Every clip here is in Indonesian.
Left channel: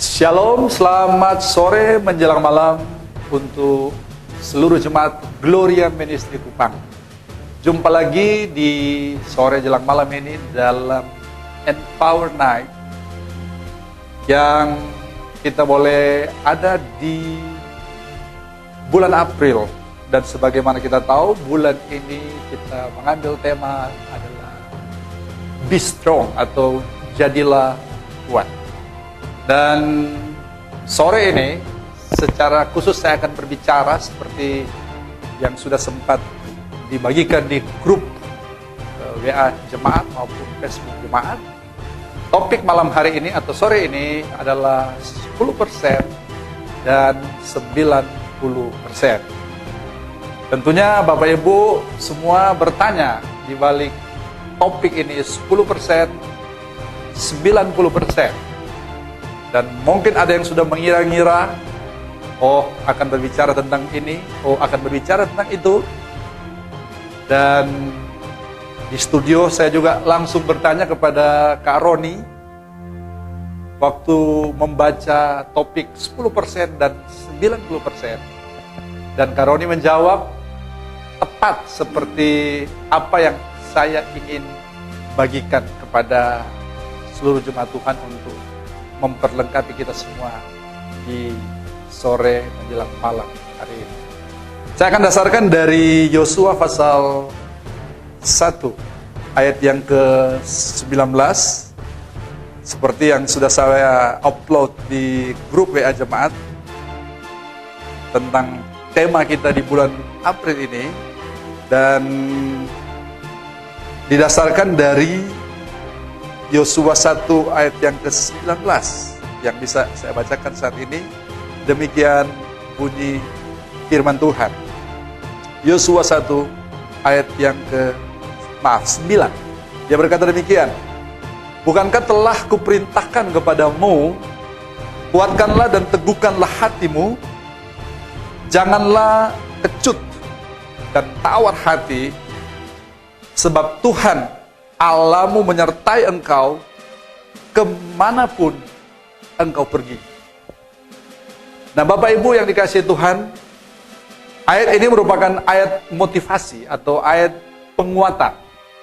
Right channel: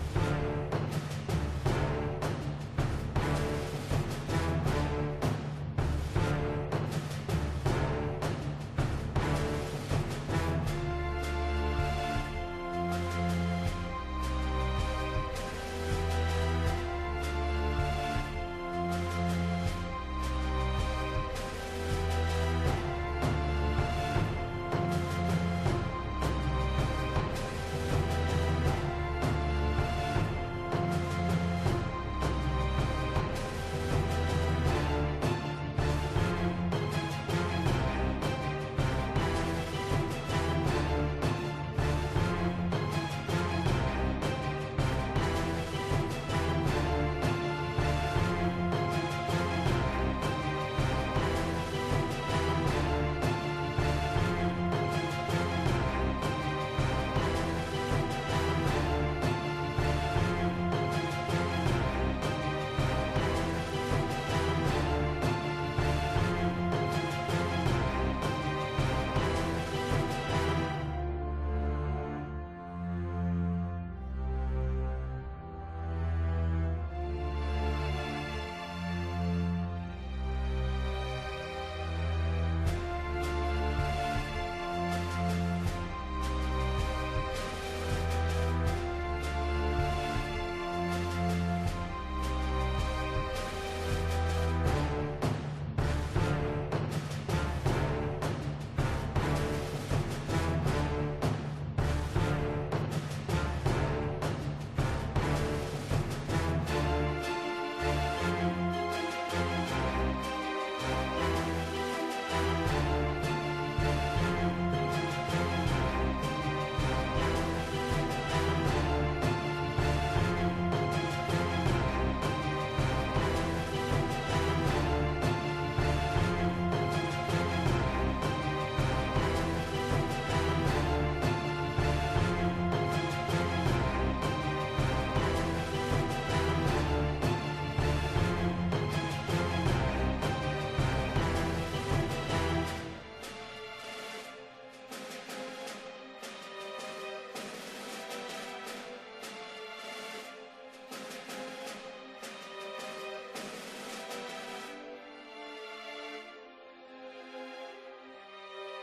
Shalom, selamat sore menjelang malam untuk seluruh jemaat Gloria Ministry Kupang. Jumpa lagi di sore jelang malam ini dalam Empower Night yang kita boleh ada di bulan April. Dan sebagaimana kita tahu, bulan ini kita mengambil tema adalah Be Strong atau Jadilah Kuat. Dan sore ini secara khusus saya akan berbicara seperti yang sudah sempat dibagikan di grup WA jemaat maupun Facebook jemaat. Topik malam hari ini atau sore ini adalah 10% dan 90%. Tentunya Bapak Ibu semua bertanya di balik topik ini 10%, 90%. Dan mungkin ada yang sudah mengira-ngira, oh akan berbicara tentang ini, oh akan berbicara tentang itu. Dan di studio saya juga langsung bertanya kepada Kak Roni, waktu membaca topik 10% dan 90%. Dan Kak Roni menjawab, tepat seperti apa yang saya ingin bagikan kepada seluruh jemaat Tuhan untuk memperlengkapi kita semua di sore menjelang malam hari ini. Saya akan dasarkan dari Yosua pasal 1 ayat yang ke-19 seperti yang sudah saya upload di grup WA jemaat tentang tema kita di bulan April ini, dan didasarkan dari Yosua 1 ayat yang ke-19 yang bisa saya bacakan saat ini. Demikian bunyi firman Tuhan. Yosua 1 ayat yang ke-9. Dia berkata demikian. Bukankah telah kuperintahkan kepadamu, kuatkanlah dan teguhkanlah hatimu, janganlah kecut dan tawar hati, sebab Tuhan Allahmu menyertai engkau kemanapun engkau pergi. Nah Bapak Ibu yang dikasihi Tuhan, ayat ini merupakan ayat motivasi atau ayat penguatan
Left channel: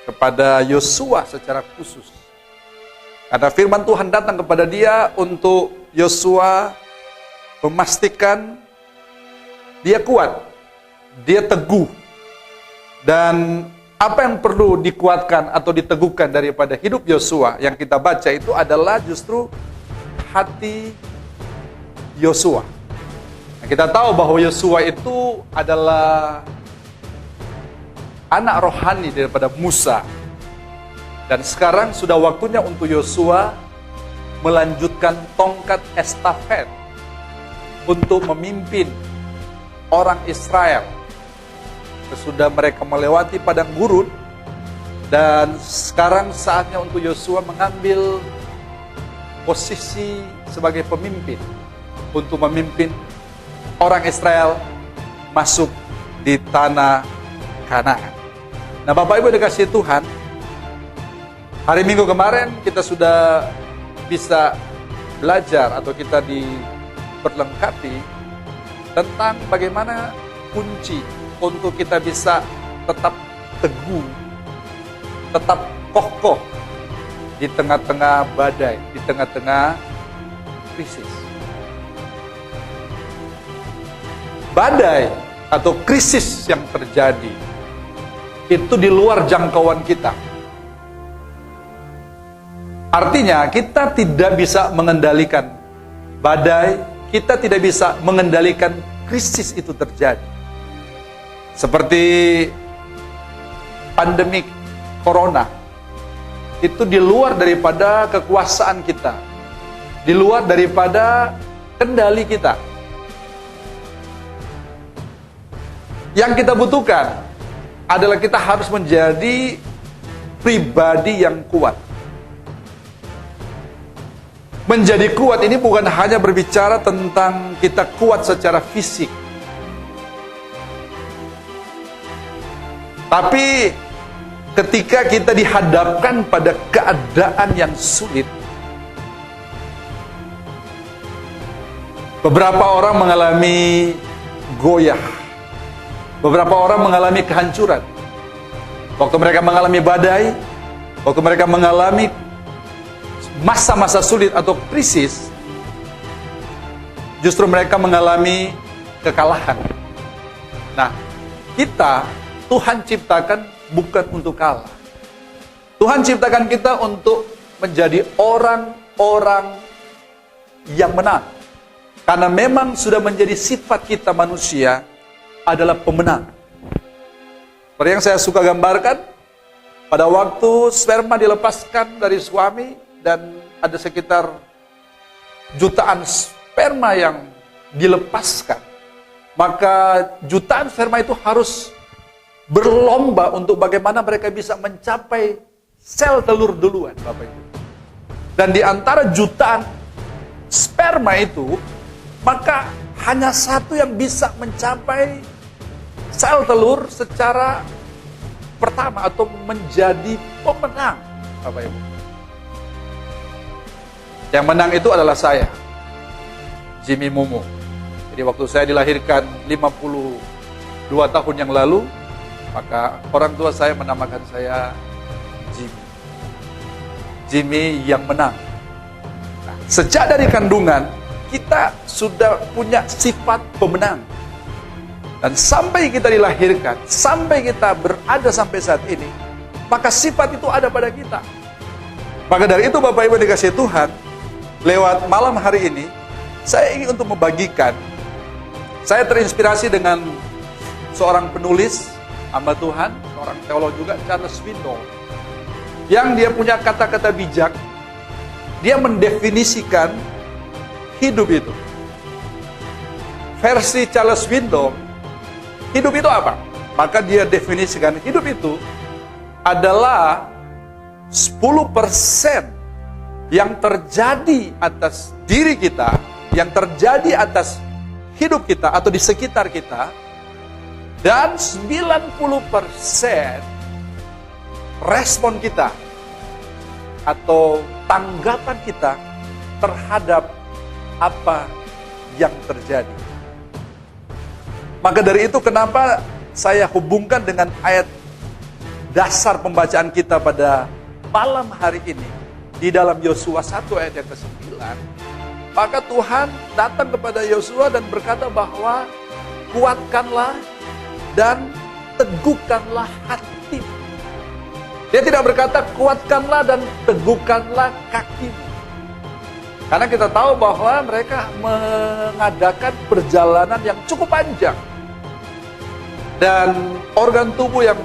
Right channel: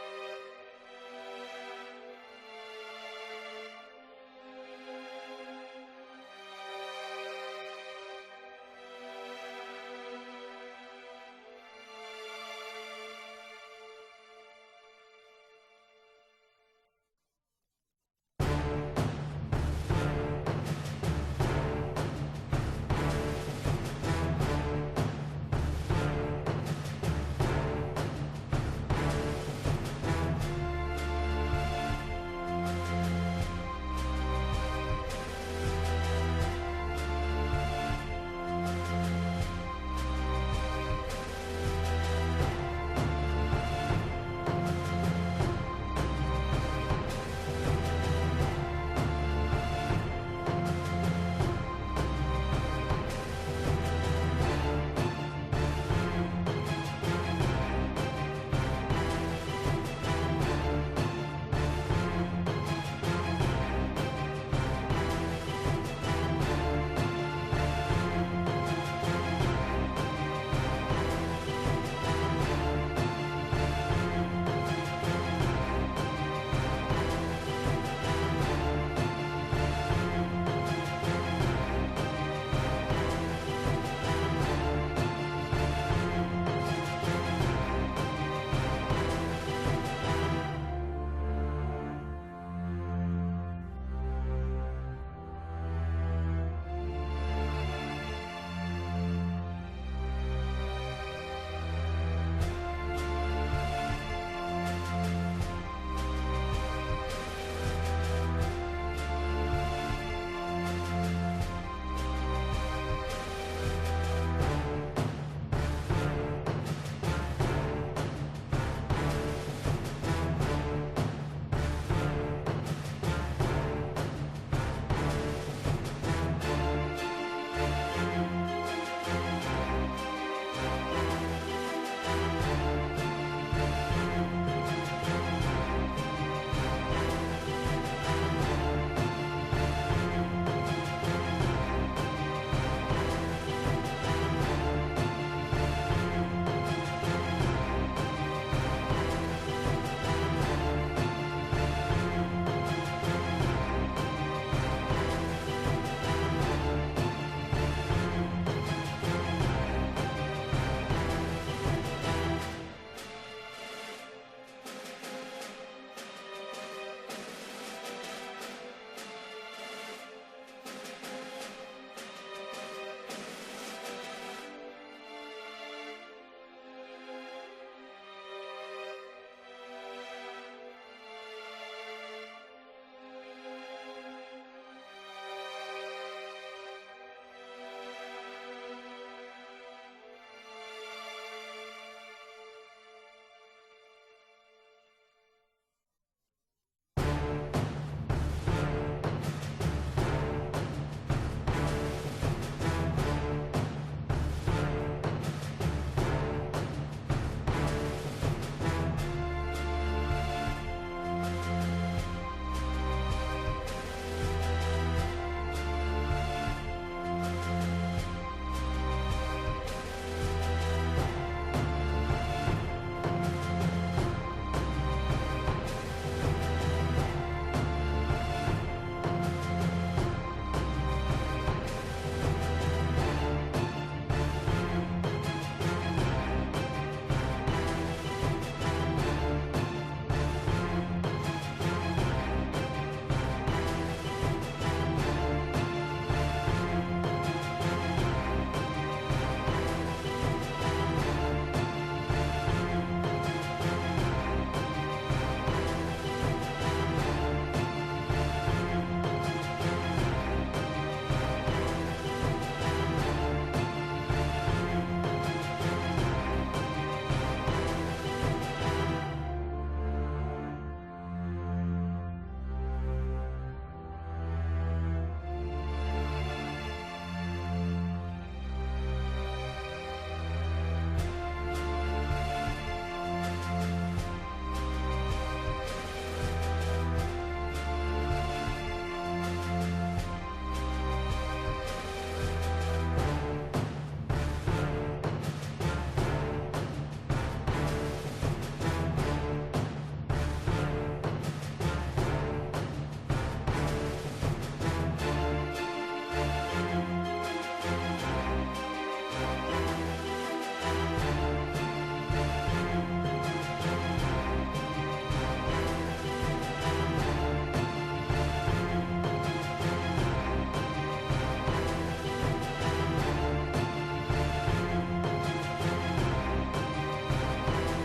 kepada Yosua secara khusus. Karena firman Tuhan datang kepada dia untuk Yosua memastikan dia kuat, dia teguh, dan apa yang perlu dikuatkan atau diteguhkan daripada hidup Yosua yang kita baca itu adalah justru hati Yosua. Kita tahu bahwa Yosua itu adalah anak rohani daripada Musa. Dan sekarang sudah waktunya untuk Yosua melanjutkan tongkat estafet untuk memimpin orang Israel. Sesudah mereka melewati padang gurun, dan sekarang saatnya untuk Yosua mengambil posisi sebagai pemimpin untuk memimpin orang Israel masuk di tanah Kanaan. Nah Bapak Ibu dikasihi Tuhan, hari Minggu kemarin kita sudah bisa belajar atau kita diperlengkapi tentang bagaimana kunci untuk kita bisa tetap teguh, tetap kokoh di tengah-tengah badai, di tengah-tengah krisis. Badai atau krisis yang terjadi itu di luar jangkauan kita. Artinya kita tidak bisa mengendalikan badai, kita tidak bisa mengendalikan krisis itu terjadi. Seperti pandemi corona, itu di luar daripada kekuasaan kita, di luar daripada kendali kita. Yang kita butuhkan adalah kita harus menjadi pribadi yang kuat. Menjadi kuat ini bukan hanya berbicara tentang kita kuat secara fisik, tapi ketika kita dihadapkan pada keadaan yang sulit, Beberapa orang mengalami goyah. Beberapa orang mengalami kehancuran. Waktu mereka mengalami badai, waktu mereka mengalami masa-masa sulit atau krisis, justru mereka mengalami kekalahan. Nah, kita, Tuhan ciptakan bukan untuk kalah. Tuhan ciptakan kita untuk menjadi orang-orang yang menang. Karena memang sudah menjadi sifat kita manusia adalah pemenang. Seperti yang saya suka gambarkan, pada waktu sperma dilepaskan dari suami dan ada sekitar jutaan sperma yang dilepaskan, maka jutaan sperma itu harus berlomba untuk bagaimana mereka bisa mencapai sel telur duluan, Bapak Ibu. Dan di antara jutaan sperma itu, maka hanya satu yang bisa mencapai sel telur secara pertama atau menjadi pemenang, Bapak Ibu. Yang menang itu adalah saya, Jimmy Mumu. Jadi waktu saya dilahirkan 52 tahun yang lalu, maka orang tua saya menamakan saya Jimmy yang menang. Nah, sejak dari kandungan, kita sudah punya sifat pemenang. Dan sampai kita dilahirkan, sampai kita berada sampai saat ini, maka sifat itu ada pada kita. Maka dari itu Bapak Ibu dikasih Tuhan, lewat malam hari ini, saya ingin untuk membagikan, saya terinspirasi dengan seorang penulis, hamba Tuhan, seorang teolog juga, Charles Swindoll, yang dia punya kata-kata bijak, dia mendefinisikan hidup itu. Versi Charles Swindoll, hidup itu apa? Maka dia definisikan hidup itu adalah 10% yang terjadi atas diri kita, yang terjadi atas hidup kita atau di sekitar kita, dan 90% respon kita atau tanggapan kita terhadap apa yang terjadi. Maka dari itu kenapa saya hubungkan dengan ayat dasar pembacaan kita pada malam hari ini di dalam Yosua 1 ayat yang ke-9. Maka Tuhan datang kepada Yosua dan berkata bahwa kuatkanlah dan teguhkanlah hatimu. Dia tidak berkata kuatkanlah dan teguhkanlah kakimu. Karena kita tahu bahwa mereka mengadakan perjalanan yang cukup panjang. Dan organ tubuh yang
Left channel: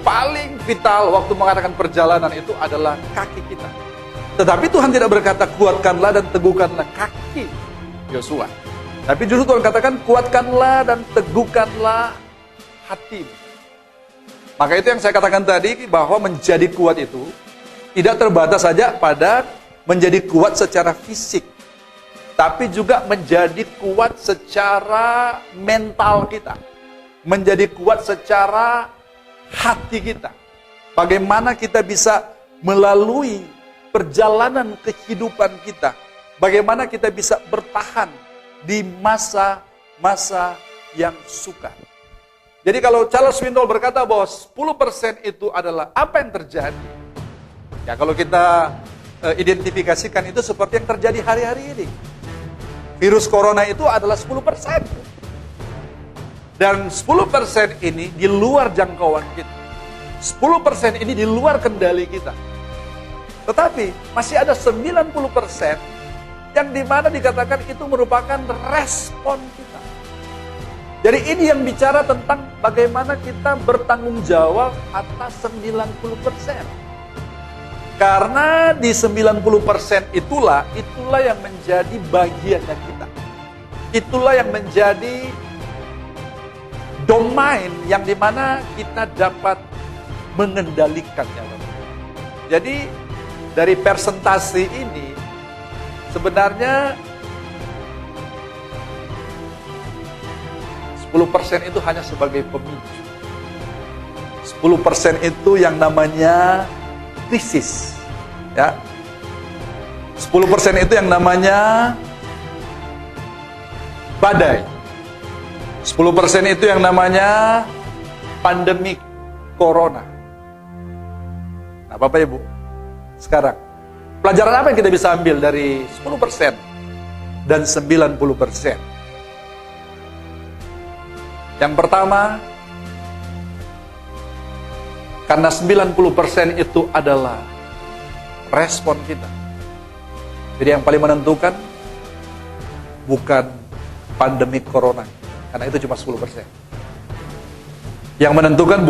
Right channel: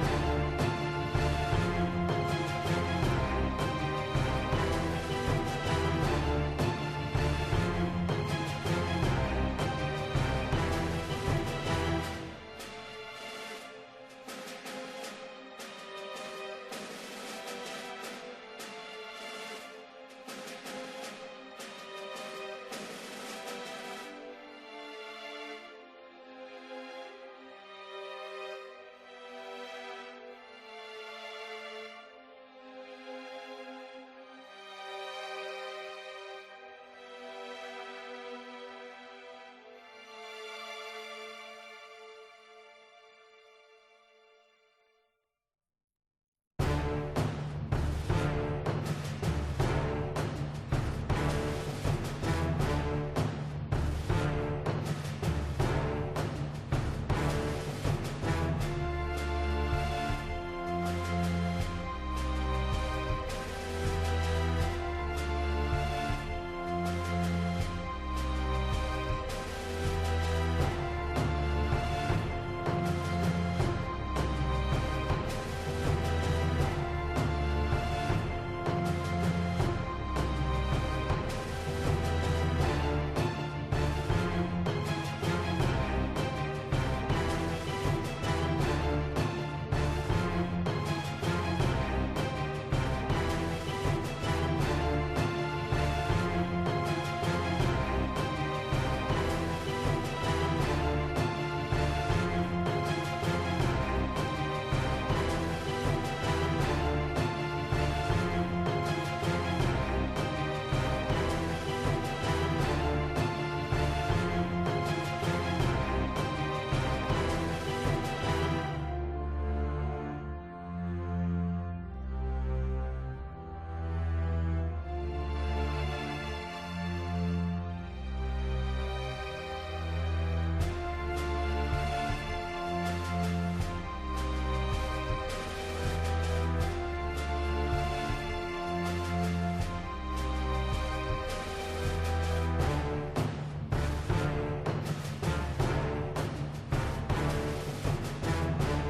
paling vital waktu mengadakan perjalanan itu adalah kaki kita. Tetapi Tuhan tidak berkata kuatkanlah dan teguhkanlah kaki Yosua. Tapi justru Tuhan katakan kuatkanlah dan teguhkanlah hati. Maka itu yang saya katakan tadi, bahwa menjadi kuat itu tidak terbatas saja pada menjadi kuat secara fisik, tapi juga menjadi kuat secara mental kita, menjadi kuat secara hati kita. Bagaimana kita bisa melalui perjalanan kehidupan kita, bagaimana kita bisa bertahan di masa-masa yang sukar. Jadi kalau Charles Swindoll berkata bahwa 10% itu adalah apa yang terjadi, ya kalau kita identifikasikan itu seperti yang terjadi hari-hari ini. Virus corona itu adalah 10%. Dan 10% ini di luar jangkauan kita. 10% ini di luar kendali kita. Tetapi masih ada 90% yang dimana dikatakan itu merupakan respon kita. Jadi ini yang bicara tentang bagaimana kita bertanggung jawab atas 90%. Karena di 90% itulah yang menjadi bagian dari kita. Itulah yang menjadi domain yang dimana kita dapat mengendalikannya. Jadi dari persentase ini sebenarnya 10% itu hanya sebagai pemicu. 10% itu yang namanya krisis. Ya. 10% itu yang namanya badai. 10% itu yang namanya pandemi corona. Nah, Bapak Ibu, sekarang pelajaran apa yang kita bisa ambil dari 10% dan 90%? Yang pertama, karena 90% itu adalah respon kita. Jadi yang paling menentukan bukan pandemi corona, karena itu cuma 10%. Yang menentukan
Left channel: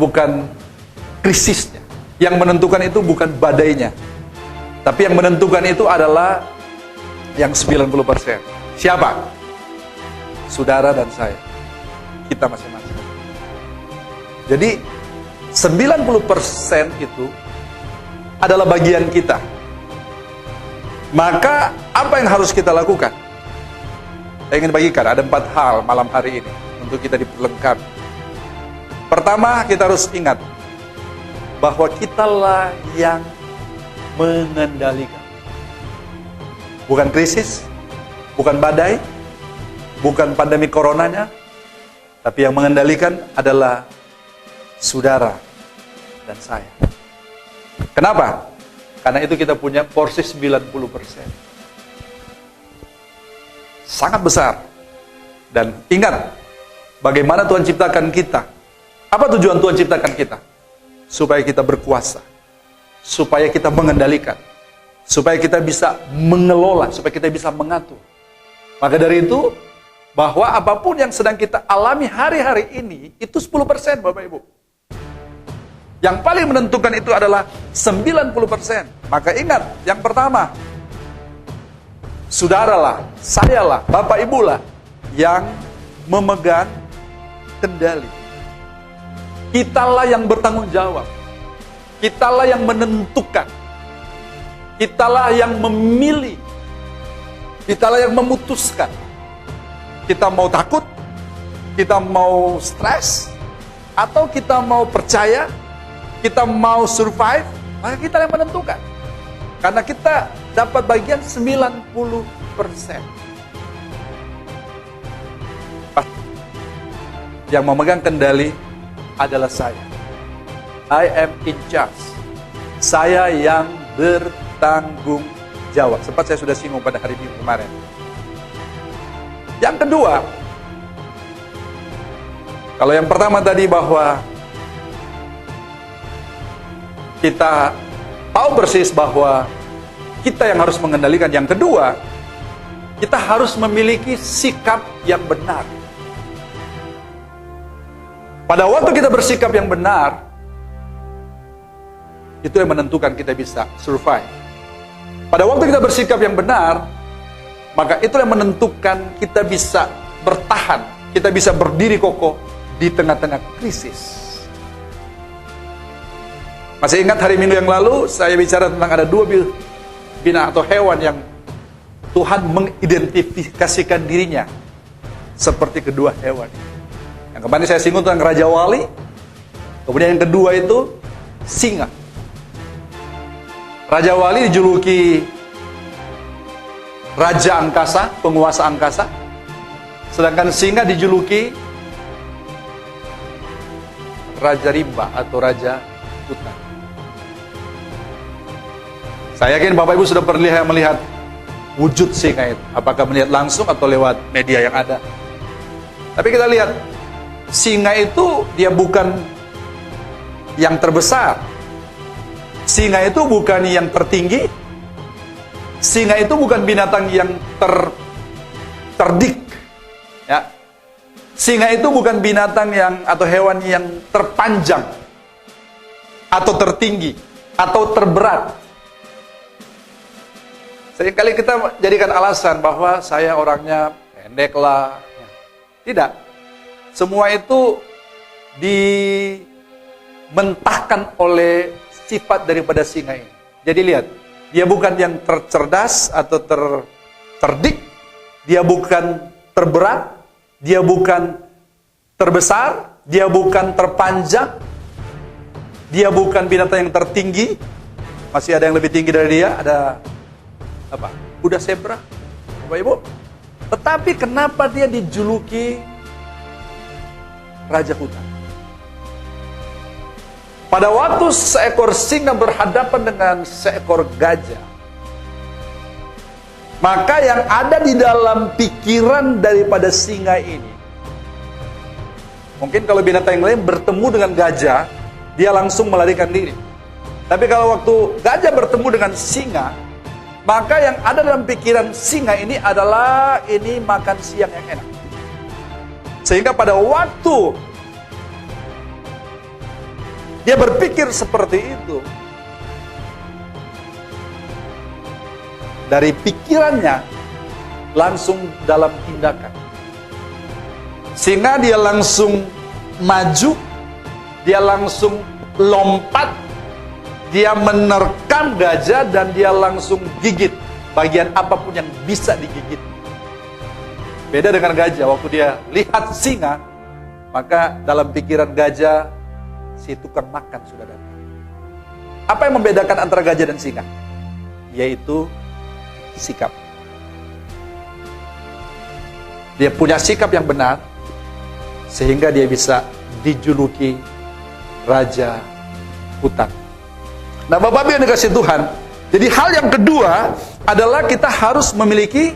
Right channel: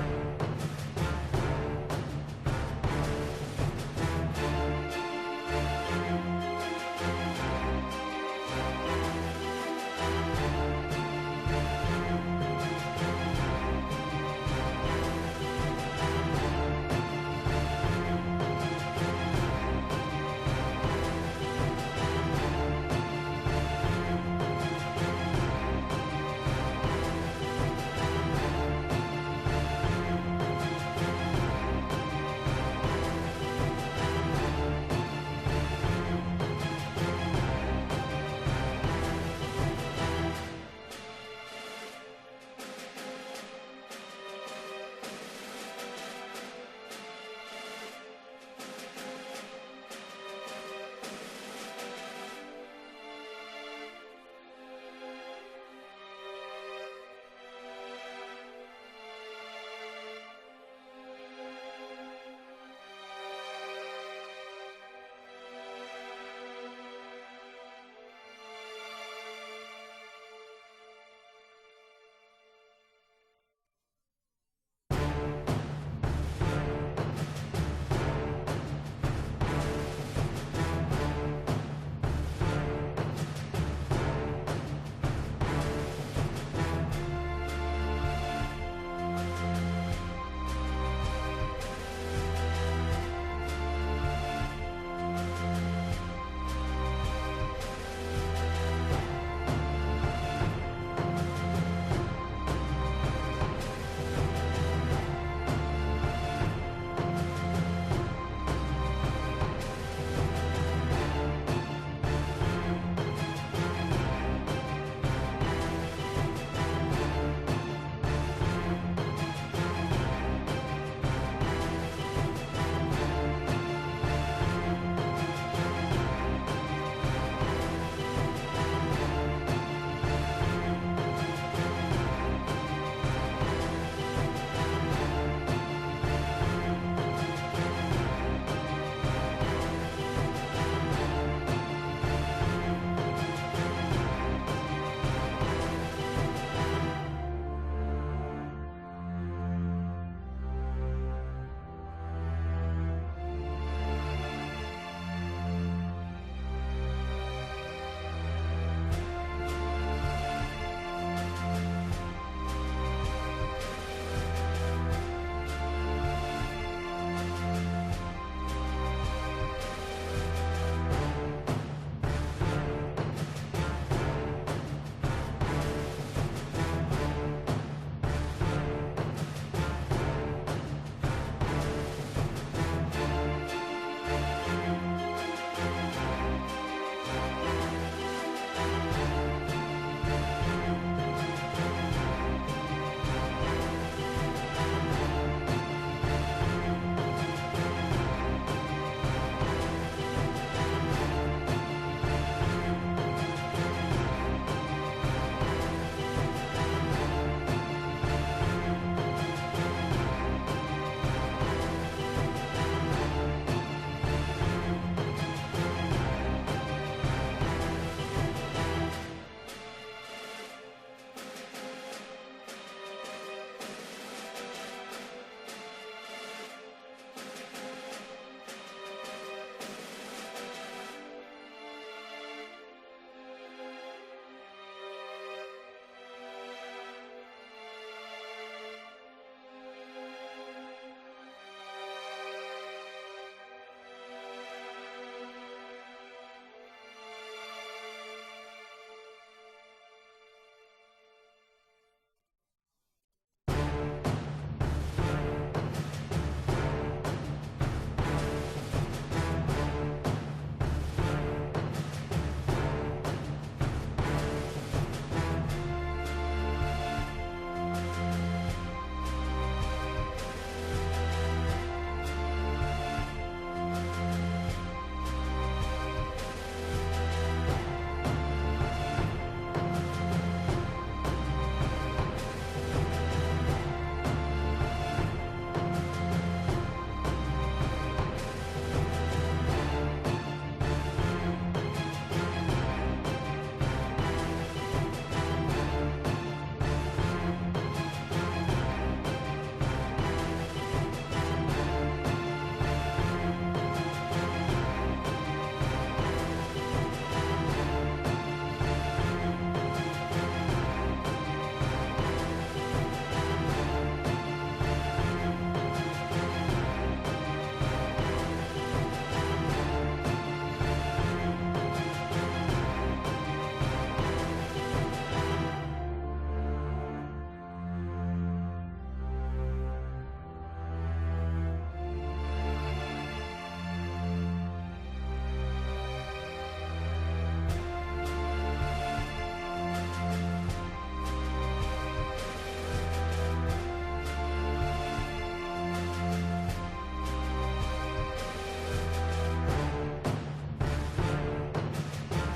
bukan krisisnya. Yang menentukan itu bukan badainya. Tapi yang menentukan itu adalah yang 90%. Siapa? Saudara dan saya. Kita masing-masing. Jadi 90% itu adalah bagian kita. Maka apa yang harus kita lakukan? Saya ingin bagikan ada 4 hal malam hari ini untuk kita diperlengkapi. Pertama, kita harus ingat bahwa kitalah yang mengendalikan. Bukan krisis, bukan badai, bukan pandemi coronanya, tapi yang mengendalikan adalah saudara dan saya. Kenapa? Karena itu kita punya porsi 90%. Sangat besar. Dan ingat, bagaimana Tuhan ciptakan kita. Apa tujuan Tuhan ciptakan kita? Supaya kita berkuasa. Supaya kita mengendalikan. Supaya kita bisa mengelola. Supaya kita bisa mengatur. Maka dari itu, bahwa apapun yang sedang kita alami hari-hari ini, itu 10% Bapak Ibu. Yang paling menentukan itu adalah 90%. Maka ingat, yang pertama, saudaralah, sayalah, Bapak Ibulah yang memegang kendali. Kitalah yang bertanggung jawab. Kitalah yang menentukan. Kitalah yang memilih. Kitalah yang memutuskan. Kita mau takut, kita mau stres, atau kita mau percaya, kita mau survive, maka kita yang menentukan. Karena kita dapat bagian 90%. Yang memegang kendali adalah saya. I am in charge. Saya yang bertanggung jawab. Sempat saya sudah singgung pada hari Minggu kemarin. Yang kedua, kalau yang pertama tadi bahwa kita tahu persis bahwa kita yang harus mengendalikan. Yang kedua, kita harus memiliki sikap yang benar. Pada waktu kita bersikap yang benar, itu yang menentukan kita bisa survive. Pada waktu kita bersikap yang benar, maka itu yang menentukan kita bisa bertahan, kita bisa berdiri kokoh di tengah-tengah krisis. Masih ingat hari Minggu yang lalu saya bicara tentang ada 2 binatang atau hewan yang Tuhan mengidentifikasikan dirinya seperti kedua hewan. Yang kemarin saya singgung tentang Raja Wali. Kemudian yang kedua itu singa. Raja Wali dijuluki Raja Angkasa, penguasa angkasa. Sedangkan singa dijuluki Raja Rimba atau Raja Hutan. Saya yakin Bapak Ibu sudah pernah melihat wujud singa itu. Apakah melihat langsung atau lewat media yang ada. Tapi kita lihat, singa itu dia bukan yang terbesar. Singa itu bukan yang tertinggi. Singa itu bukan binatang yang terdik. Ya. Singa itu bukan binatang yang atau hewan yang terpanjang atau tertinggi atau terberat. Seringkali kita jadikan alasan bahwa saya orangnya pendek lah. Tidak. Semua itu dimentahkan oleh sifat daripada singa ini. Jadi lihat, dia bukan yang tercerdas atau terdik, dia bukan terberat, dia bukan terbesar, dia bukan terpanjang, dia bukan binatang yang tertinggi. Masih ada yang lebih tinggi dari dia, ada apa? Kuda zebra, Bapak Ibu. Tetapi kenapa dia dijuluki Raja Hutan? Pada waktu seekor singa berhadapan dengan seekor gajah, maka yang ada di dalam pikiran daripada singa ini, mungkin kalau binatang yang lain bertemu dengan gajah, dia langsung melarikan diri. Tapi kalau waktu gajah bertemu dengan singa, maka yang ada dalam pikiran singa ini adalah ini makan siang yang enak. Sehingga pada waktu dia berpikir seperti itu, dari pikirannya langsung dalam tindakan. Sehingga dia langsung maju, dia langsung lompat, dia menerkam gajah dan dia langsung gigit bagian apapun yang bisa digigit. Beda dengan gajah, waktu dia lihat singa, maka dalam pikiran gajah, si tukang makan sudah datang. Apa yang membedakan antara gajah dan singa? Yaitu sikap. Dia punya sikap yang benar, sehingga dia bisa dijuluki Raja Hutan. Nah, Bapak-Ibu yang dikasihi Tuhan, jadi hal yang kedua adalah kita harus memiliki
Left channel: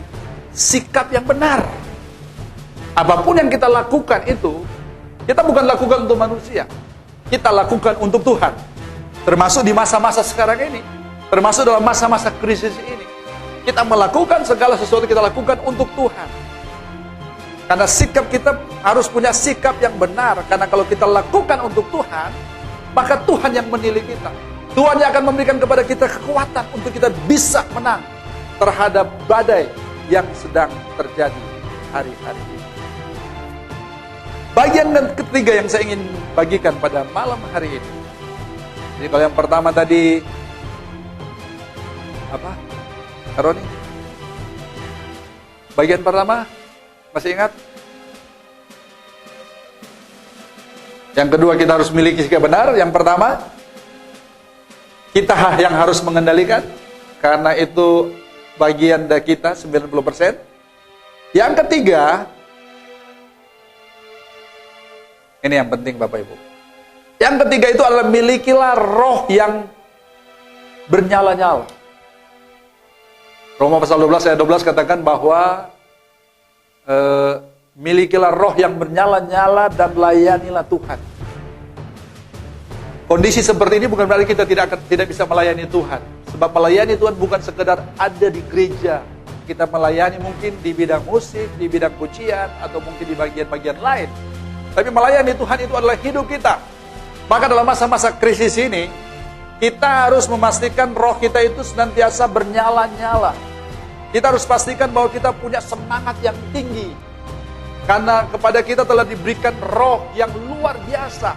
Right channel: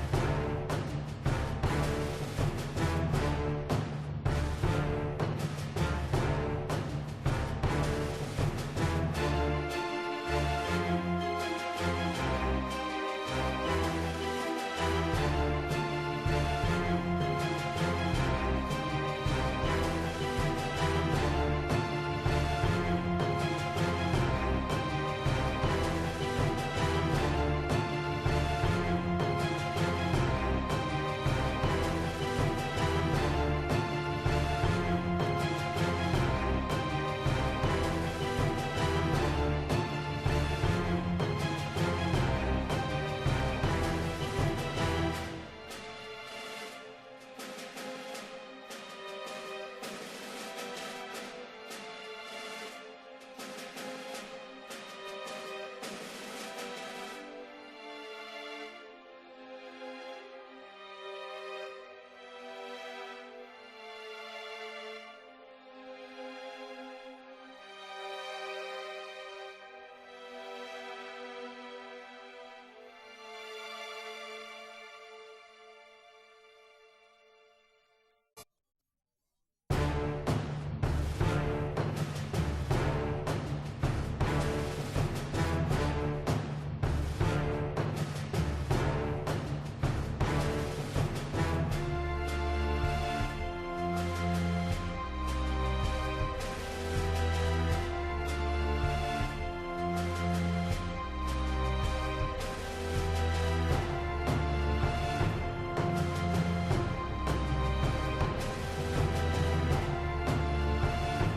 sikap yang benar. Apapun yang kita lakukan itu, kita bukan lakukan untuk manusia, kita lakukan untuk Tuhan. Termasuk di masa-masa sekarang ini, termasuk dalam masa-masa krisis ini, kita melakukan segala sesuatu kita lakukan untuk Tuhan. Karena sikap kita harus punya sikap yang benar. Karena kalau kita lakukan untuk Tuhan, maka Tuhan yang menilai kita. Tuhan yang akan memberikan kepada kita kekuatan untuk kita bisa menang terhadap badai yang sedang terjadi hari-hari ini. Bagian ketiga yang saya ingin bagikan pada malam hari ini. Jadi kalau yang pertama tadi apa? Roni? Bagian pertama masih ingat? Yang kedua kita harus memiliki sikap benar. Yang pertama kita yang harus mengendalikan, karena itu bagian dari kita 90%. Yang ketiga, ini yang penting Bapak Ibu. Yang ketiga itu adalah milikilah roh yang bernyala-nyala. Roma pasal 12 ayat 12 katakan bahwa milikilah roh yang bernyala-nyala dan layanilah Tuhan. Kondisi seperti ini bukan berarti kita tidak bisa melayani Tuhan. Sebab melayani Tuhan bukan sekedar ada di gereja. Kita melayani mungkin di bidang musik, di bidang pujian, atau mungkin di bagian-bagian lain. Tapi melayani Tuhan itu adalah hidup kita. Maka dalam masa-masa krisis ini, kita harus memastikan roh kita itu senantiasa bernyala-nyala. Kita harus pastikan bahwa kita punya semangat yang tinggi. Karena kepada kita telah diberikan roh yang luar biasa,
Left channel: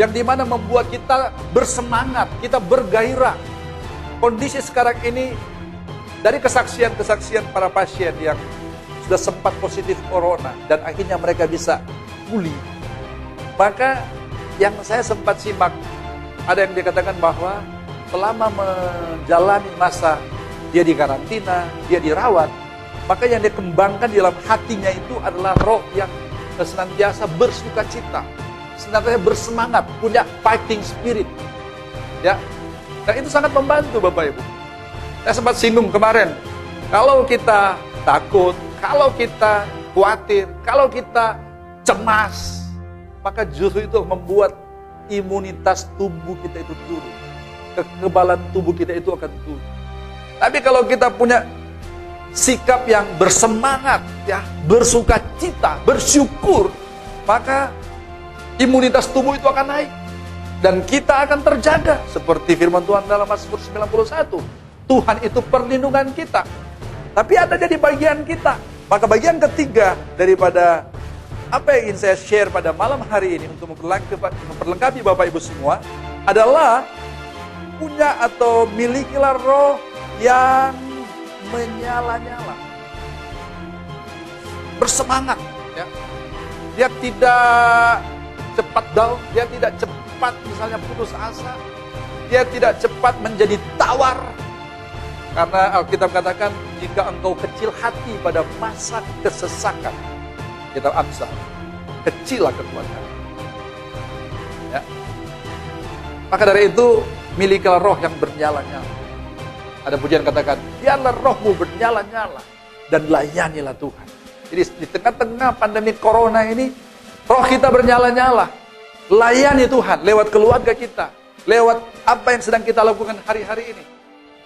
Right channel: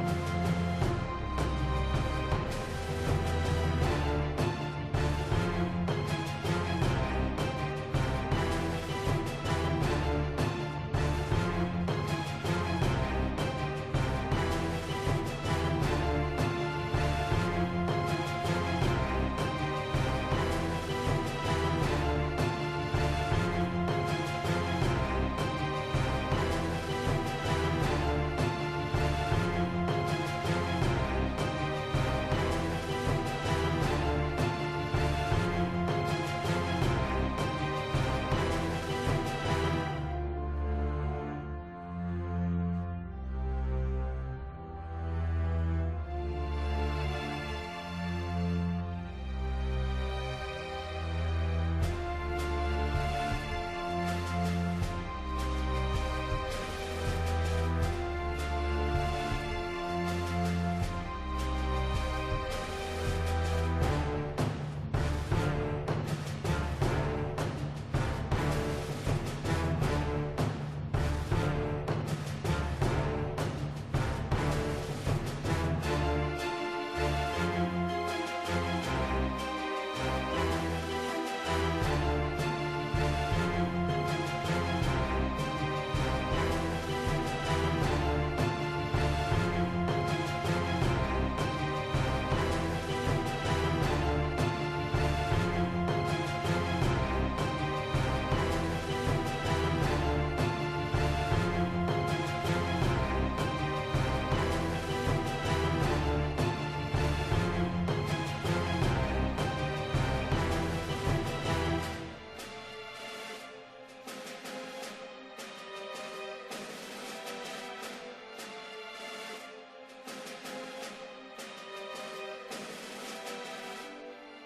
yang dimana membuat kita bersemangat, kita bergairah. Kondisi sekarang ini, dari kesaksian-kesaksian para pasien yang sudah sempat positif corona, dan akhirnya mereka bisa pulih. Maka yang saya sempat simak, ada yang dikatakan bahwa selama menjalani masa dia di karantina, dia dirawat, maka yang dikembangkan di dalam hatinya itu adalah roh yang senantiasa bersuka cita, senantiasa bersemangat, punya fighting spirit. Ya, dan itu sangat membantu Bapak Ibu. Saya sempat singgung kemarin, kalau kita takut, kalau kita khawatir, kalau kita cemas, maka justru itu membuat imunitas tubuh kita itu turun. Kekebalan tubuh kita itu akan turun. Tapi kalau kita punya sikap yang bersemangat, ya, bersuka cita, bersyukur, maka imunitas tubuh itu akan naik. Dan kita akan terjaga. Seperti firman Tuhan dalam Mazmur 91. Tuhan itu perlindungan kita. Tapi ada jadi bagian kita. Maka bagian ketiga daripada apa yang ingin saya share pada malam hari ini untuk memperlengkapi Bapak Ibu semua adalah punya atau milikilah roh yang menyala-nyala, bersemangat, ya. Dia tidak cepat down, dia tidak cepat misalnya putus asa, dia tidak cepat menjadi tawar, Karena Alkitab katakan, jika engkau kecil hati pada masa kesesakan, kita Amsal, kecillah kekuatan. Ya. Maka dari itu, milikilah roh yang bernyala-nyala. Ada pujian katakan, biarlah rohmu bernyala-nyala dan layanilah Tuhan. Jadi di tengah-tengah pandemi corona ini, roh kita bernyala-nyala. Layani Tuhan lewat keluarga kita, lewat apa yang sedang kita lakukan hari-hari ini.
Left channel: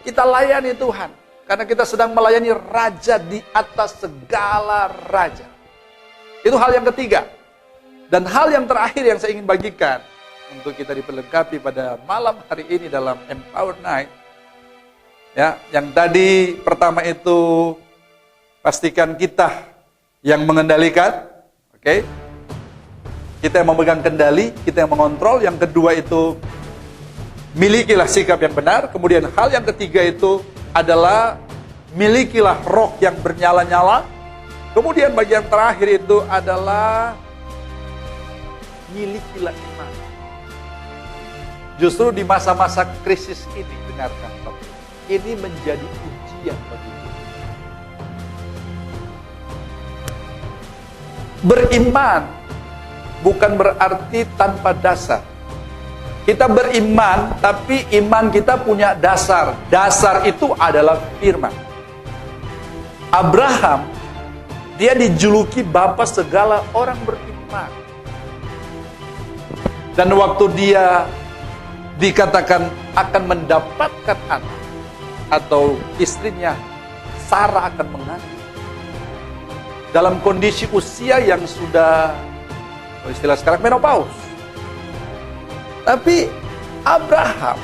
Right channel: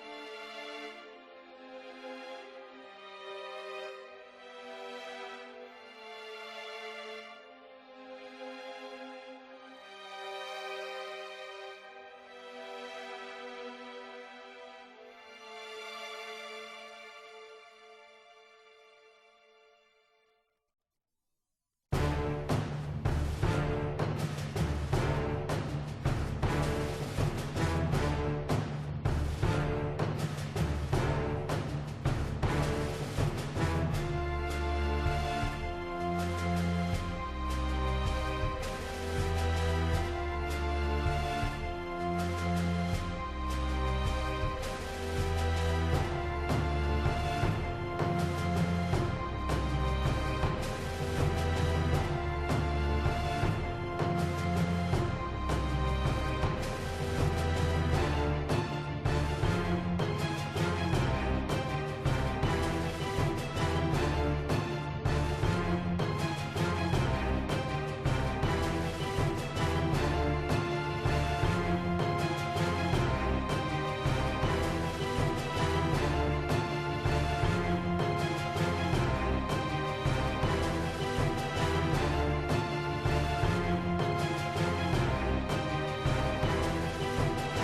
Kita layani Tuhan, karena kita sedang melayani Raja di atas segala Raja. Itu hal yang ketiga. Dan hal yang terakhir yang saya ingin bagikan, untuk kita diperlengkapi pada malam hari ini dalam Empower Night. Ya, yang tadi pertama itu, pastikan kita yang mengendalikan, oke? Kita yang memegang kendali, kita yang mengontrol. Yang kedua itu, milikilah sikap yang benar. Kemudian hal yang ketiga itu adalah milikilah roh yang bernyala-nyala. Kemudian bagian terakhir itu adalah milikilah iman. Justru di masa-masa krisis ini, dengarkan, ini menjadi ujian bagi kita. Beriman bukan berarti tanpa dasar. Kita beriman, tapi iman kita punya dasar. Dasar itu adalah firman. Abraham, dia dijuluki bapa segala orang beriman. Dan waktu dia dikatakan akan mendapatkan anak, atau istrinya Sarah akan mengandung, dalam kondisi usia yang sudah, istilah sekarang, menopause. Tapi Abraham,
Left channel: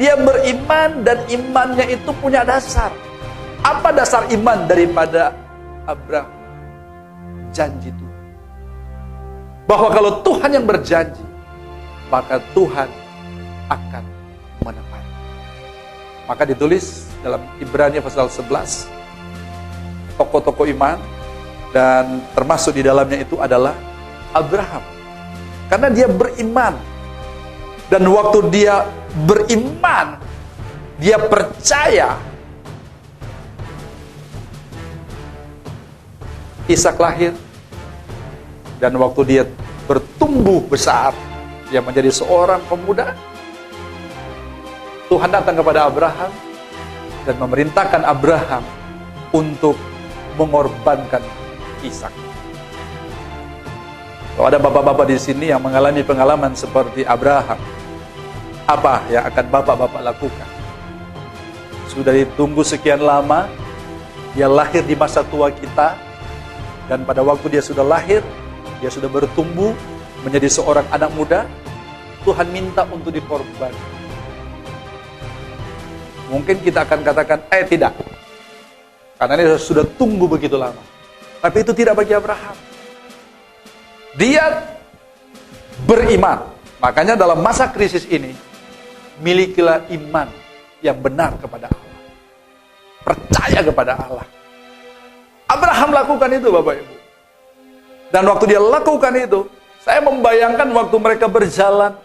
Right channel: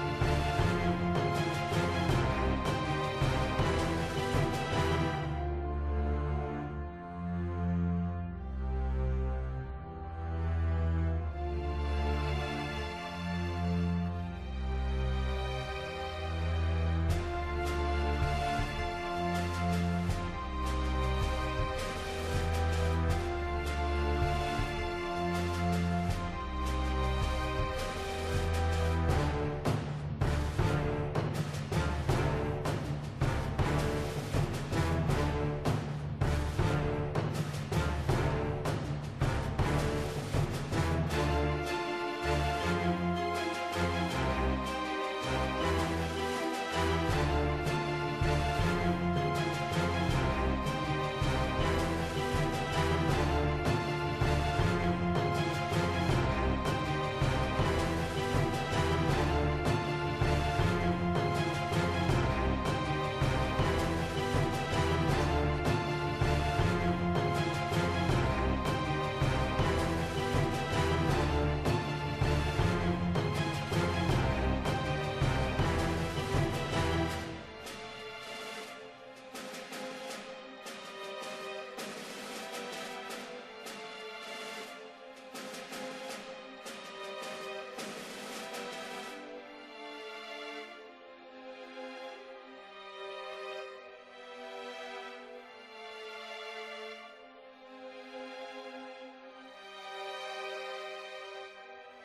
dia beriman dan imannya itu punya dasar. Apa dasar iman daripada Abraham? Janji Tuhan. Bahwa kalau Tuhan yang berjanji, maka Tuhan akan menepati. Maka ditulis dalam Ibrani pasal 11, tokoh-tokoh iman, dan termasuk di dalamnya itu adalah Abraham. Karena dia beriman. Dan waktu dia beriman, dia percaya, Ishak lahir. Dan waktu dia bertumbuh besar, dia menjadi seorang pemuda, Tuhan datang kepada Abraham dan memerintahkan Abraham untuk mengorbankan Ishak. Kalau ada bapak-bapak di sini yang mengalami pengalaman seperti Abraham, apa yang akan bapak-bapak lakukan? Sudah ditunggu sekian lama, dia lahir di masa tua kita, dan pada waktu dia sudah lahir, dia sudah bertumbuh menjadi seorang anak muda, Tuhan minta untuk dikorban. Mungkin kita akan katakan, tidak, karena dia sudah tunggu begitu lama. Tapi itu tidak bagi Abraham. Dia beriman. Makanya dalam masa krisis ini, milikilah iman yang benar kepada Allah. Percaya kepada Allah. Abraham lakukan itu, Bapak Ibu. Dan waktu dia lakukan itu, saya membayangkan waktu mereka berjalan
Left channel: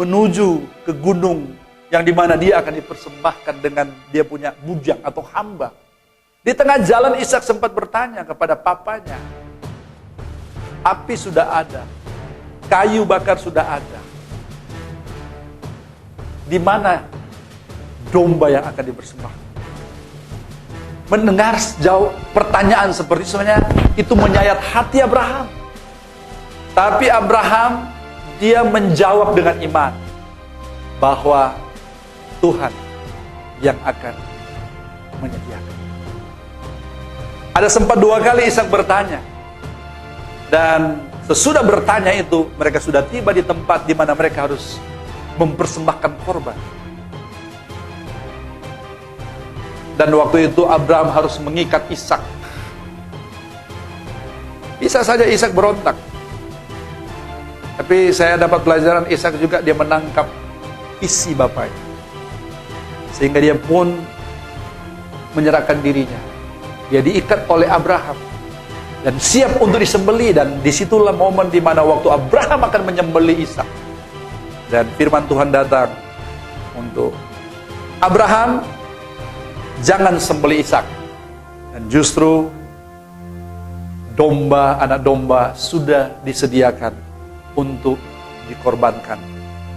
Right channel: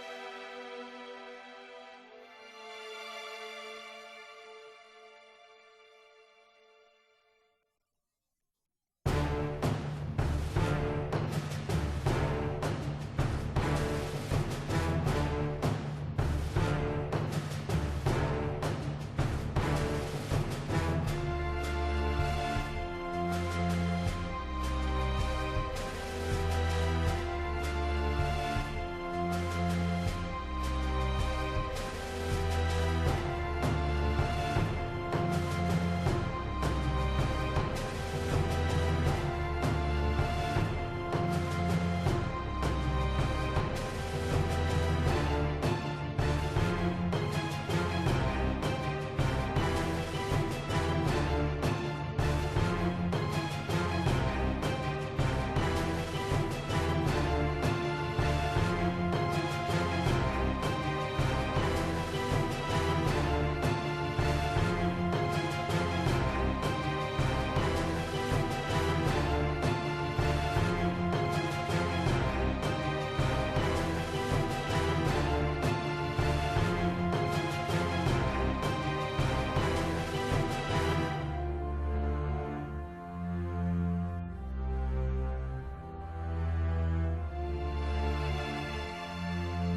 menuju ke gunung yang dimana dia akan dipersembahkan dengan dia punya bujang atau hamba. Di tengah jalan Ishak sempat bertanya kepada papanya, api sudah ada, kayu bakar sudah ada, di mana domba yang akan dipersembahkan? Mendengar jauh pertanyaan seperti itu, sebenarnya itu menyayat hati Abraham. Tapi Abraham, dia menjawab dengan iman bahwa Tuhan yang akan menyediakan. Ada sempat 2 kali Ishak bertanya. Dan sesudah bertanya itu, mereka sudah tiba di tempat di mana mereka harus mempersembahkan korban. Dan waktu itu Abraham harus mengikat Ishak. Bisa saja Ishak berontak. Tapi saya dapat pelajaran, Ishak juga dia menangkap isi bapaknya. Sehingga dia pun menyerahkan dirinya. Dia diikat oleh Abraham dan siap untuk disembelih, dan disitulah momen di mana waktu Abraham akan menyembelih Ishak. Dan firman Tuhan datang untuk Abraham, jangan sembelih Ishak. Dan justru anak domba sudah disediakan untuk dikorbankan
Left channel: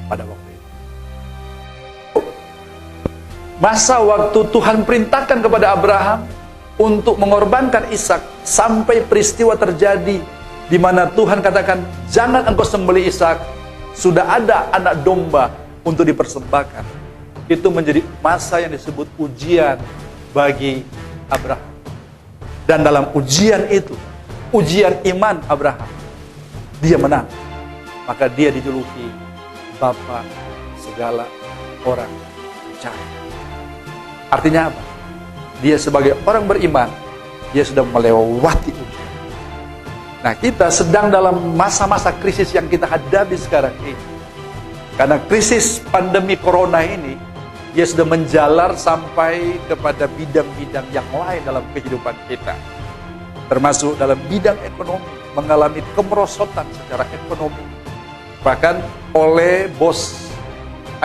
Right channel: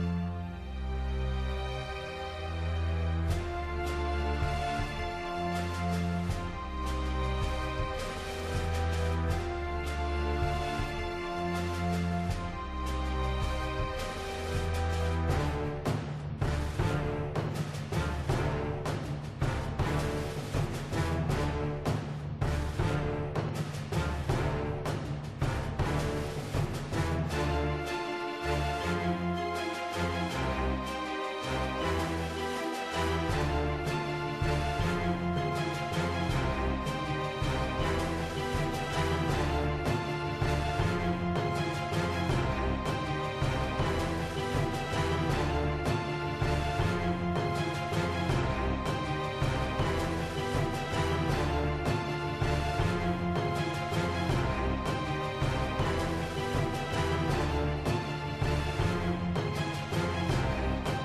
pada waktu itu. Masa waktu Tuhan perintahkan kepada Abraham untuk mengorbankan Ishak sampai peristiwa terjadi di mana Tuhan katakan, jangan engkau sembelih Ishak, sudah ada anak domba untuk dipersembahkan. Itu menjadi masa yang disebut ujian bagi Abraham. Dan dalam ujian itu, ujian iman Abraham, dia menang. Maka dia dijuluki Bapa segala orang percaya. Artinya apa? Dia sebagai orang beriman, dia sudah melewati ujian. Nah, kita sedang dalam masa-masa krisis yang kita hadapi sekarang ini. Karena krisis pandemi corona ini, dia sudah menjalar sampai kepada bidang-bidang yang lain dalam kehidupan kita. Termasuk dalam bidang ekonomi, mengalami kemerosotan secara ekonomi. Bahkan oleh bos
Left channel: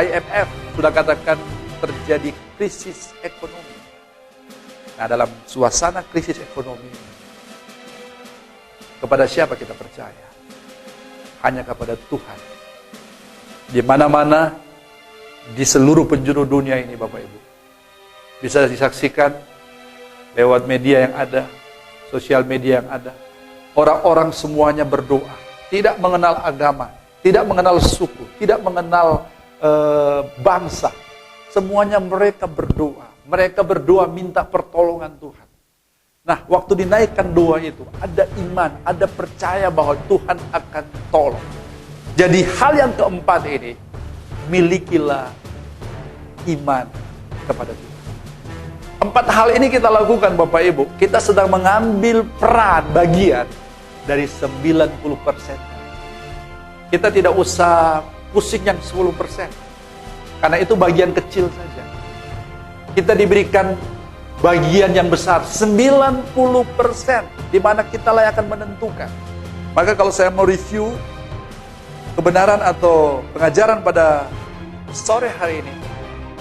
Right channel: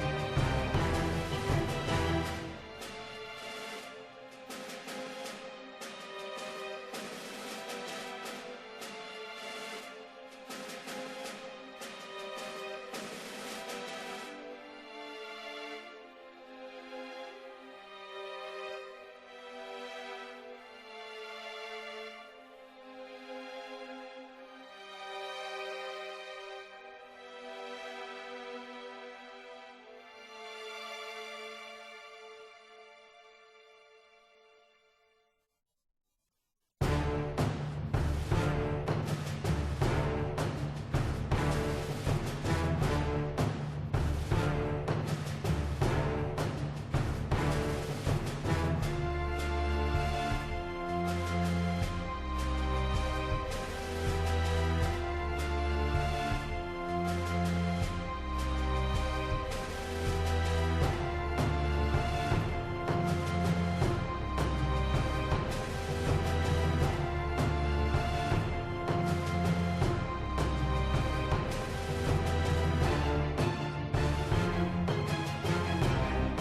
IMF sudah katakan terjadi krisis ekonomi. Nah, dalam suasana krisis ekonomi, kepada siapa kita percaya? Hanya kepada Tuhan. Di mana-mana, di seluruh penjuru dunia ini, Bapak Ibu, bisa disaksikan lewat media yang ada, sosial media yang ada. Orang-orang semuanya berdoa, tidak mengenal agama, tidak mengenal suku, tidak mengenal bangsa. Semuanya mereka berdoa. Mereka berdoa minta pertolongan Tuhan. Nah, waktu dinaikkan doa itu, ada iman, ada percaya bahwa Tuhan akan tolong. Jadi hal yang keempat ini, milikilah iman kepada Tuhan. 4 hal ini kita lakukan, Bapak Ibu. Kita sedang mengambil peran bagian dari 90%. Kita tidak usah pusing yang 10%. Karena itu bagian kecil saja. Kita diberikan bagian yang besar, 90%, di mana kita lah akan menentukan. Maka kalau saya mau review kebenaran atau pengajaran pada sore hari ini,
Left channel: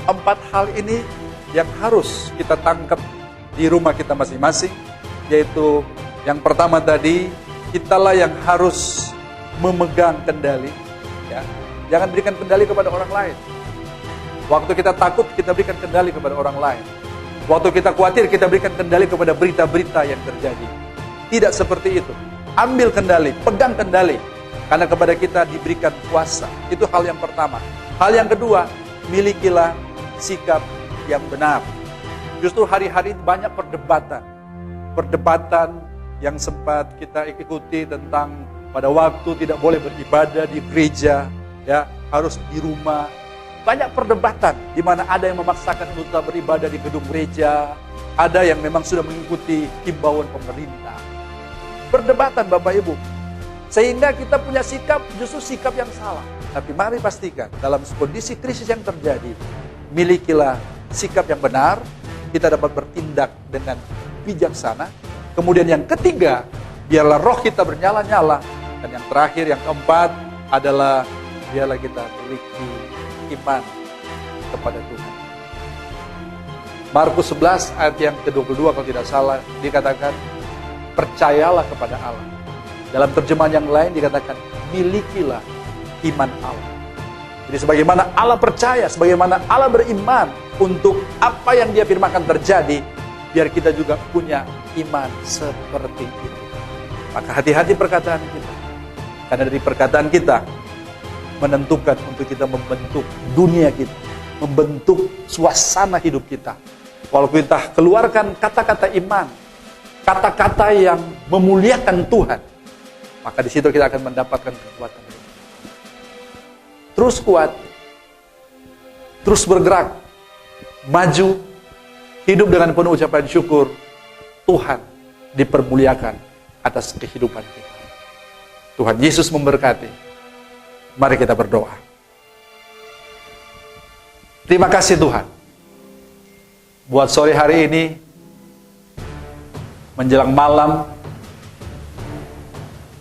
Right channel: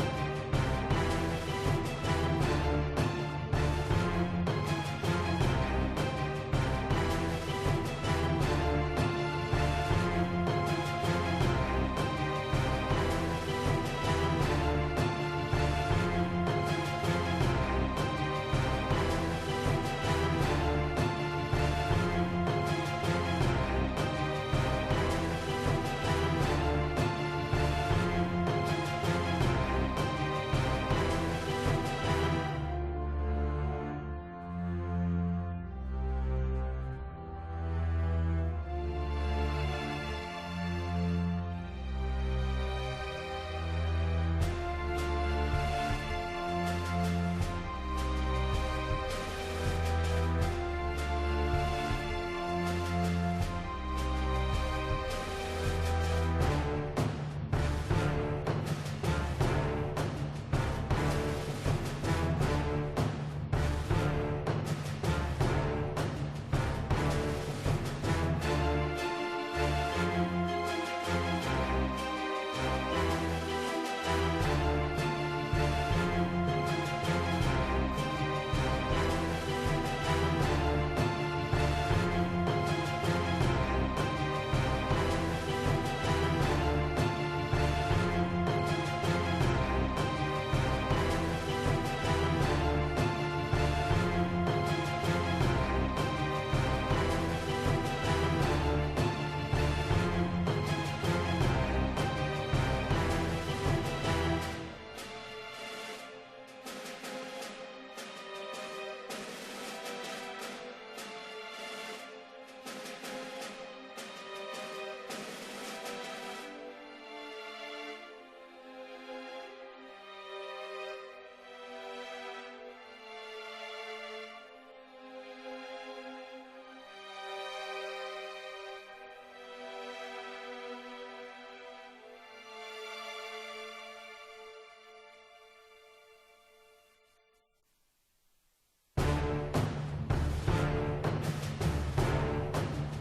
4 hal ini yang harus kita tangkap di rumah kita masing-masing, yaitu yang pertama tadi, kitalah yang harus memegang kendali. Ya. Jangan berikan kendali kepada orang lain. Waktu kita takut, kita berikan kendali kepada orang lain. Waktu kita khawatir, kita berikan kendali kepada berita-berita yang terjadi. Tidak seperti itu. Ambil kendali, pegang kendali. Karena kepada kita diberikan kuasa. Itu hal yang pertama. Hal yang kedua, milikilah sikap yang benar. Justru hari-hari banyak perdebatan. Perdebatan yang sempat kita ikuti tentang pada waktu tidak boleh beribadah di gereja, ya, harus di rumah. Banyak perdebatan di mana ada yang memaksakan kita beribadah di gedung gereja, ada yang memang sudah mengikuti himbauan pemerintah. Perdebatan, Bapak Ibu, sehingga kita punya sikap justru sikap yang salah. Tapi mari pastikan dalam kondisi krisis yang terjadi, milikilah sikap yang benar, kita dapat bertindak dengan bijaksana. Kemudian yang ketiga, biarlah roh kita bernyala-nyala. Dan yang terakhir, yang keempat adalah biarlah kita memiliki iman kepada Tuhan. Markus 11 ayat yang ke-22 kalau tidak salah dikatakan, percayalah kepada Allah. Dalam terjemahan yang lain dikatakan, milikilah iman Allah. Jadi sebagaimana Allah percaya, sebagaimana Allah beriman untuk apa yang Dia firmankan terjadi, biar kita juga punya iman seperti itu. Maka hati-hati perkataan kita. Karena dari perkataan kita menentukan untuk kita membentuk dunia kita, membentuk suasana hidup kita. Kalau kita keluarkan kata-kata iman, kata-kata yang memuliakan Tuhan, maka di situ kita akan mendapatkan kekuatan. Terus kuat, terus bergerak, maju, hidup dengan penuh ucapan syukur. Tuhan dipermuliakan atas kehidupan kita. Tuhan Yesus memberkati. Mari kita berdoa. Terima kasih Tuhan. Buat sore hari ini, menjelang malam,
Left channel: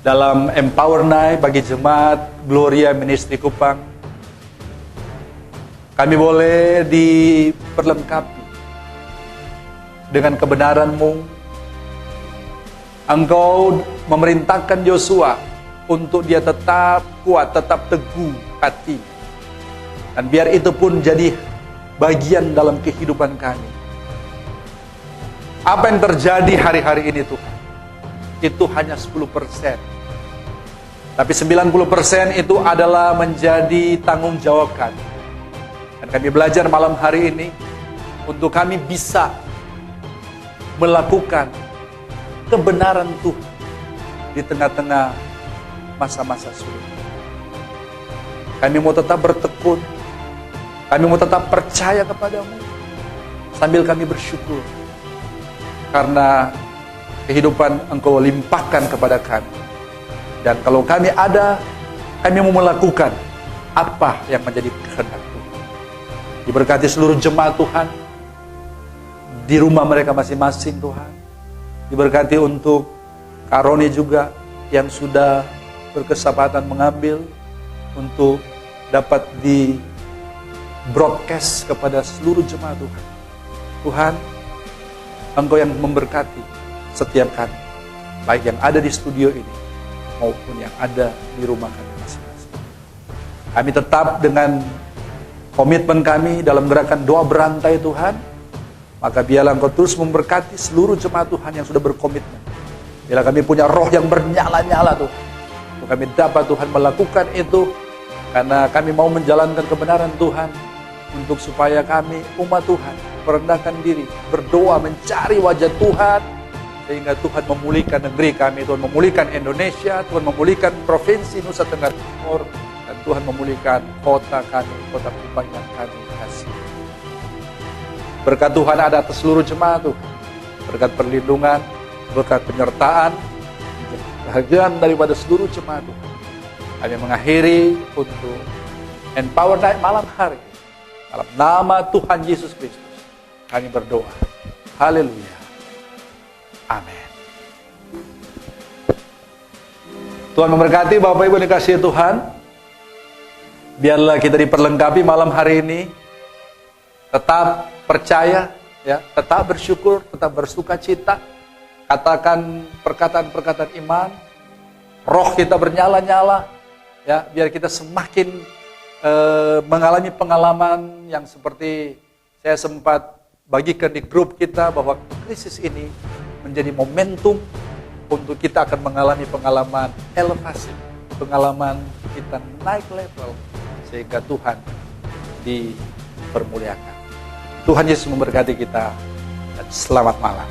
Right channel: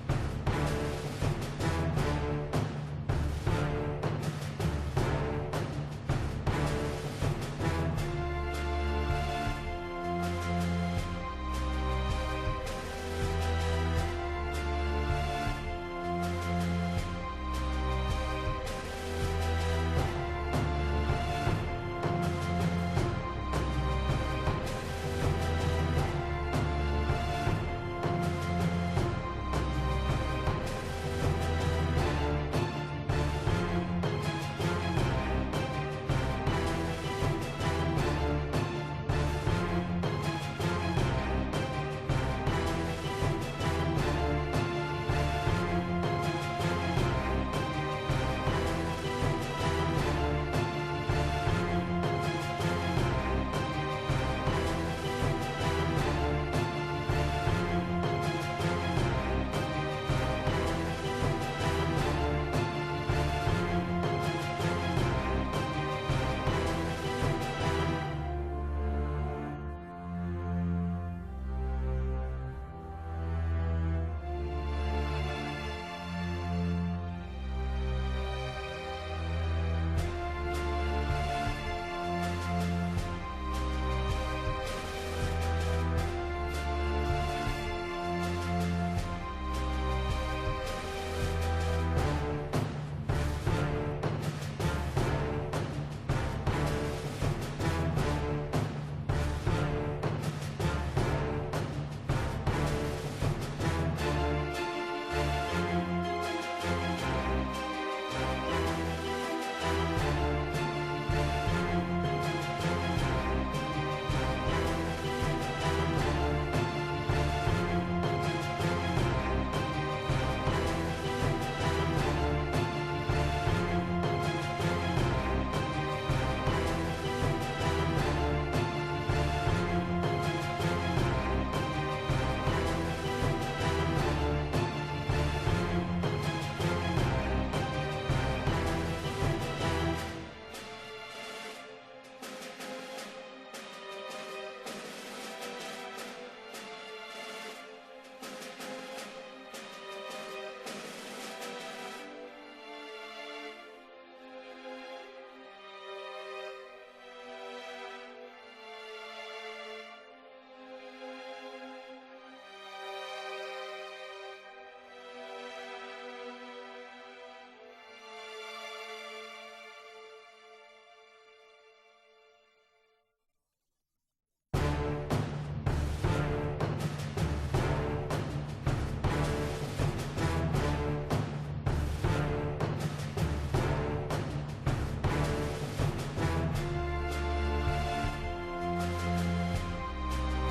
dalam Empower Night bagi jemaat Gloria Ministry Kupang, kami boleh diperlengkapi dengan kebenaran-Mu. Engkau memerintahkan Yosua untuk dia tetap kuat, tetap teguh hati. Dan biar itu pun jadi bagian dalam kehidupan kami. Apa yang terjadi hari-hari ini Tuhan, itu hanya 10%. Tapi 90% itu adalah menjadi tanggung jawab kami. Dan kami belajar malam hari ini untuk kami bisa melakukan kebenaran Tuhan di tengah-tengah masa-masa sulit. Kami mau tetap bertekun, kami mau tetap percaya kepadamu, sambil kami bersyukur karena kehidupan Engkau limpahkan kepada kami. Dan kalau kami ada, kami mau melakukan apa yang menjadi kehendak Tuhan. Diberkati seluruh jemaat Tuhan di rumah mereka masing-masing Tuhan. Diberkati untuk Kak Roni juga yang sudah berkesempatan mengambil untuk dapat di broadcast kepada seluruh jemaat Tuhan. Tuhan, Engkau yang memberkati setiap kami, baik yang ada di studio ini maupun yang ada di rumah kami masing-masing. Kami tetap dengan komitmen kami dalam gerakan doa berantai Tuhan, maka biarlah Engkau terus memberkati seluruh jemaat Tuhan yang sudah berkomitmen. Biarlah kami punya roh yang bernyala-nyala Tuhan, untuk kami dapat Tuhan melakukan itu, karena kami mau menjalankan kebenaran Tuhan, untuk supaya kami umat Tuhan merendahkan diri, berdoa mencari wajah Tuhan, sehingga Tuhan memulihkan negeri kami, Tuhan memulihkan Indonesia, Tuhan memulihkan provinsi Nusa Tenggara Timur, dan Tuhan memulihkan kota kami, kota kebanggaan kami. Kasih. Berkat Tuhan ada atas seluruh jemaat Tuhan, berkat perlindungan, berkat penyertaan, kebahagiaan daripada seluruh jemaat Tuhan. Kami mengakhiri untuk Empower Night malam hari. Dalam nama Tuhan Yesus Kristus, kami berdoa. Haleluya. Amin. Tuhan memberkati Bapak Ibu dikasihi Tuhan. Biarlah kita diperlengkapi malam hari ini. Tetap percaya, ya, tetap bersyukur, tetap bersuka cita. Katakan perkataan-perkataan iman. Roh kita bernyala-nyala, ya, biar kita semakin mengalami pengalaman yang seperti saya sempat bagikan di grup kita, bahwa krisis ini menjadi momentum untuk kita akan mengalami pengalaman elevasi, pengalaman kita naik level, sehingga Tuhan dipermuliakan. Tuhan Yesus memberkati kita, dan selamat malam.